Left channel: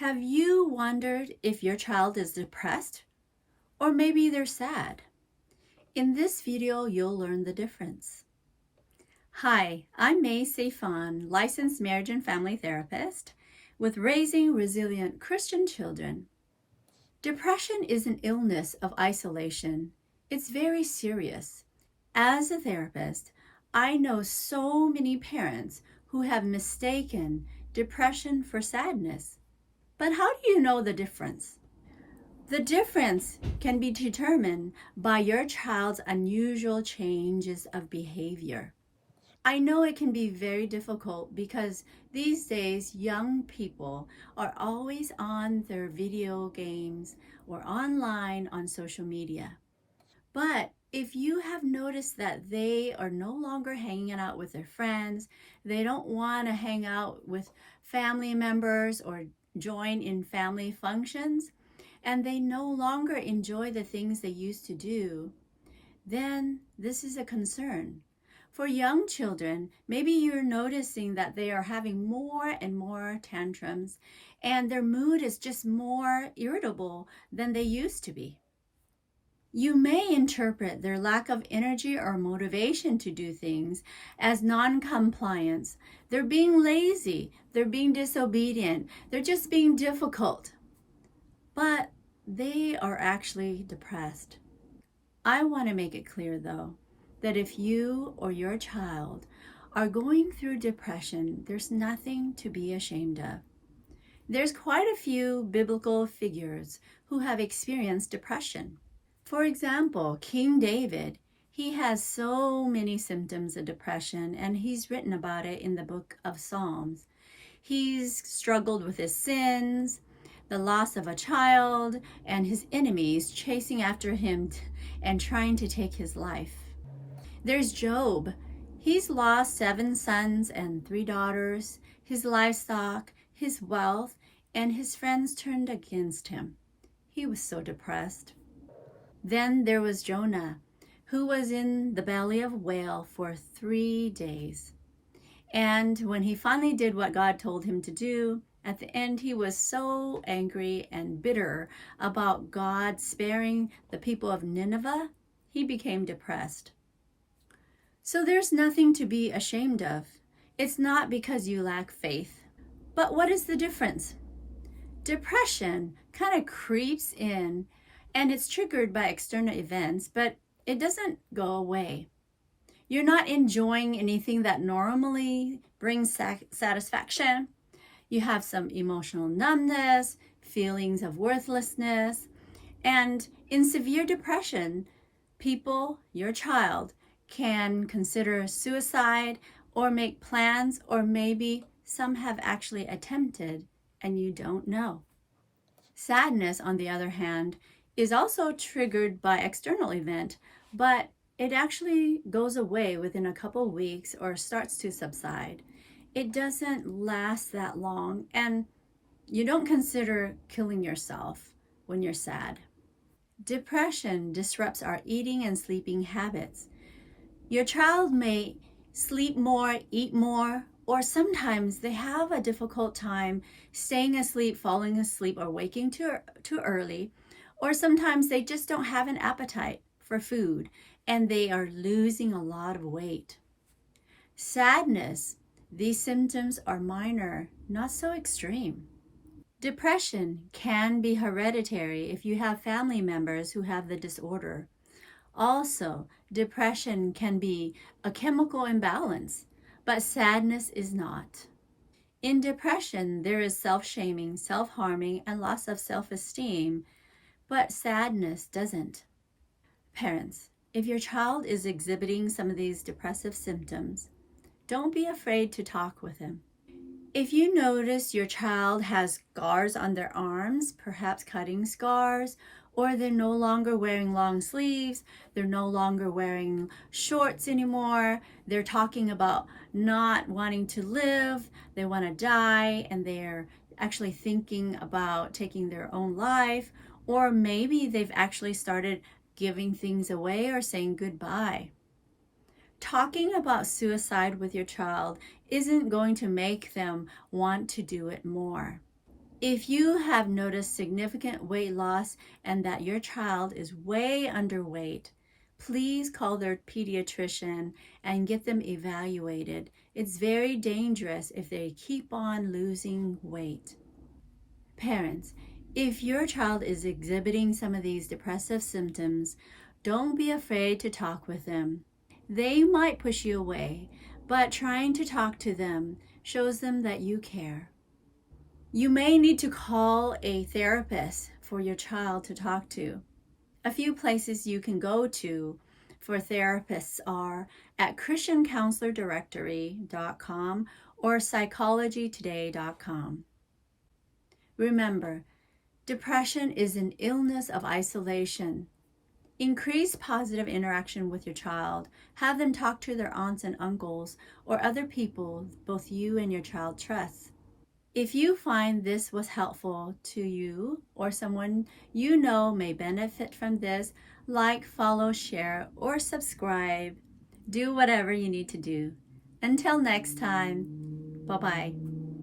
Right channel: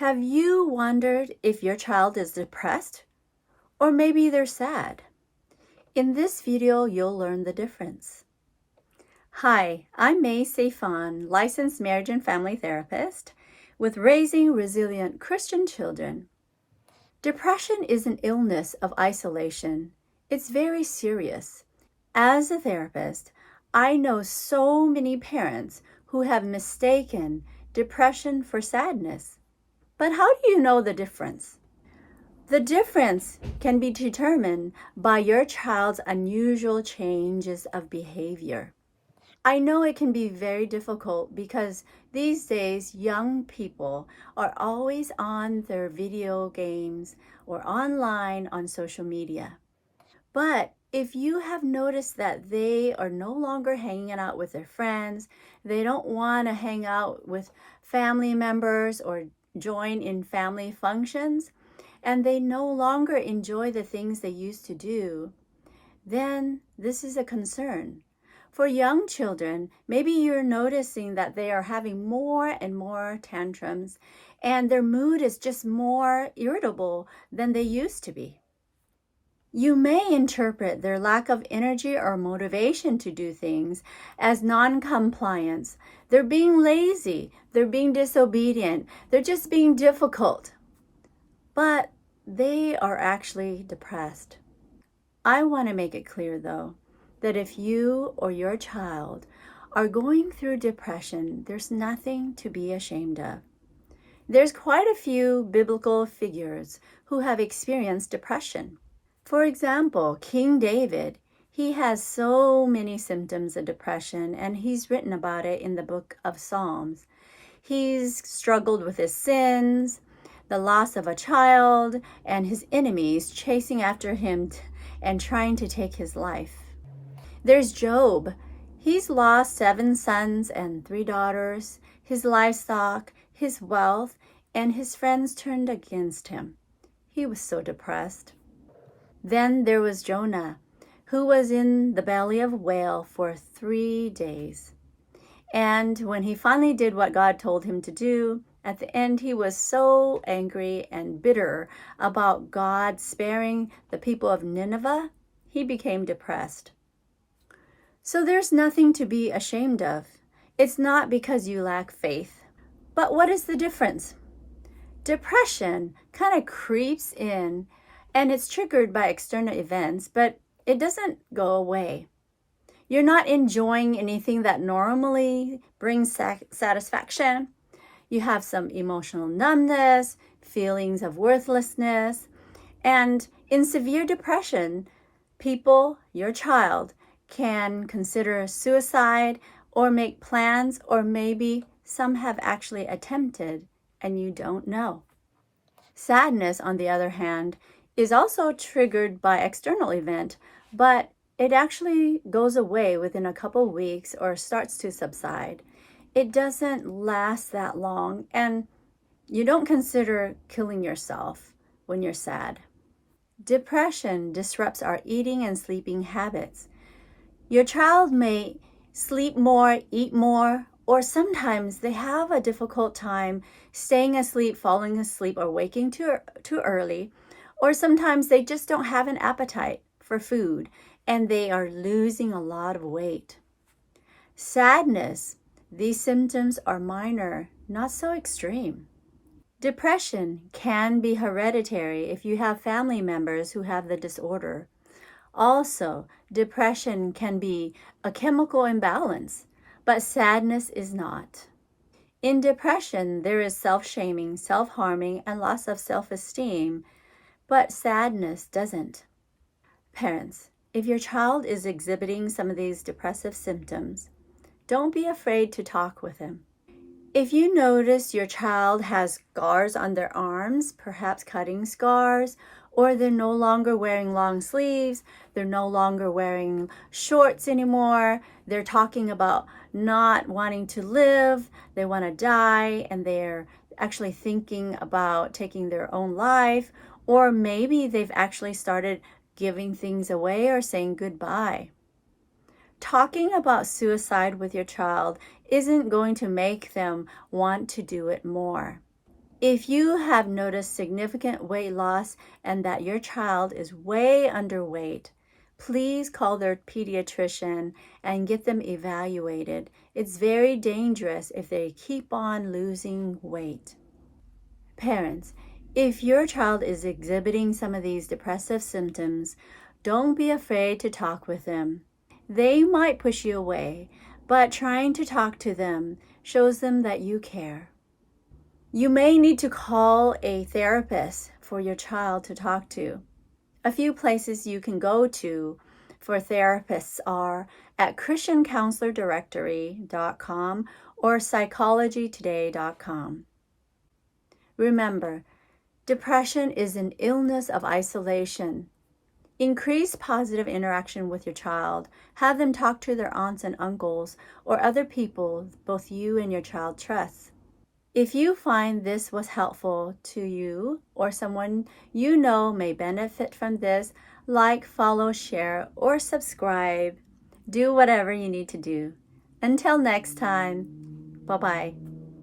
Have you wondered if your child is depressed or maybe they're sad? In this video, you'll learn the difference. Hi, I'm May Seifan, licensed marriage and family therapist with Raising Resilient Christian Children. Depression is an illness of isolation. It's very serious. As a therapist, I know so many parents who have mistaken depression for sadness. But how do you know the difference? The difference can be determined by your child's unusual changes of behavior. I know it can be very difficult because these days young people are always on their video games or online on social media. But if you have noticed that they are no longer hanging out with their friends, they don't want to hang out with family members or join in family functions, and they no longer enjoy the things they used to do, then this is a concern. For young children, maybe you're noticing that they are having more and more tantrums, and their mood is just more irritable than they used to be. You may interpret their lack of energy or motivation to do things as non-compliance. They're being lazy, they're being disobedient, they're just being difficult. But they are actually depressed. I want to make it clear, though, that if you or your child are going through depression, there's nothing to be ashamed of. There's quite a few biblical figures who have experienced depression. For example, King David, he has so many symptoms of depression, and he's written about it in the book of Psalms. He's struggled with his sins, the loss of a child, and his enemies chasing after him and trying to take his life. There's Job. He's lost 7 sons and 3 daughters, his livestock, his wealth, and his friends turned against him. He was so depressed. Then there was Jonah, who was in the belly of a whale for 3 days. And when he finally did what God told him to do, at the end he was so angry and bitter about God sparing the people of Nineveh, he became depressed. So there's nothing to be ashamed of. It's not because you lack faith. But what is the difference? Depression kind of creeps in, and it's triggered by external events, but it doesn't go away. You're not enjoying anything that normally brings satisfaction. You have some emotional numbness, feelings of worthlessness, and in severe depression, people, your child, can consider suicide or make plans, or maybe some have actually attempted and you don't know. Sadness, on the other hand, is also triggered by external event, but it actually goes away within a couple weeks or starts to subside. It doesn't last that long, and you don't consider killing yourself when you're sad. Depression disrupts our eating and sleeping habits. Your child may sleep more, eat more, or sometimes they have a difficult time staying asleep, falling asleep, or waking too early, or sometimes they just don't have an appetite for food and they are losing a lot of weight. Sadness, these symptoms are minor, not so extreme. Depression can be hereditary if you have family members who have the disorder. Also, depression can be a chemical imbalance, but sadness is not. In depression, there is self-shaming, self-harming, and loss of self-esteem, but sadness doesn't. Parents, if your child is exhibiting some of these depressive symptoms, don't be afraid to talk with them. If you notice your child has scars on their arms, perhaps cutting scars, or they're no longer wearing long sleeves, they're no longer wearing shorts anymore, they're talking about not wanting to live, they want to die, and they're actually thinking about taking their own life, or maybe they've actually started giving things away or saying goodbye. Talking about suicide with your child isn't going to make them want to do it more. If you have noticed significant weight loss and that your child is way underweight, please call their pediatrician and get them evaluated. It's very dangerous if they keep on losing weight. Parents, if your child is exhibiting some of these depressive symptoms, don't be afraid to talk with them. They might push you away, but trying to talk to them shows them that you care. You may need to call a therapist for your child to talk to. A few places you can go to for therapists are at christiancounselordirectory.com or psychologytoday.com. Remember, depression is an illness of isolation. Increase positive interaction with your child. Have them talk to their aunts and uncles or other people both you and your child trust. If you find this was helpful to you or someone you know may benefit from this, like, follow, share, or subscribe. Do whatever you need to do. Until next time, bye-bye.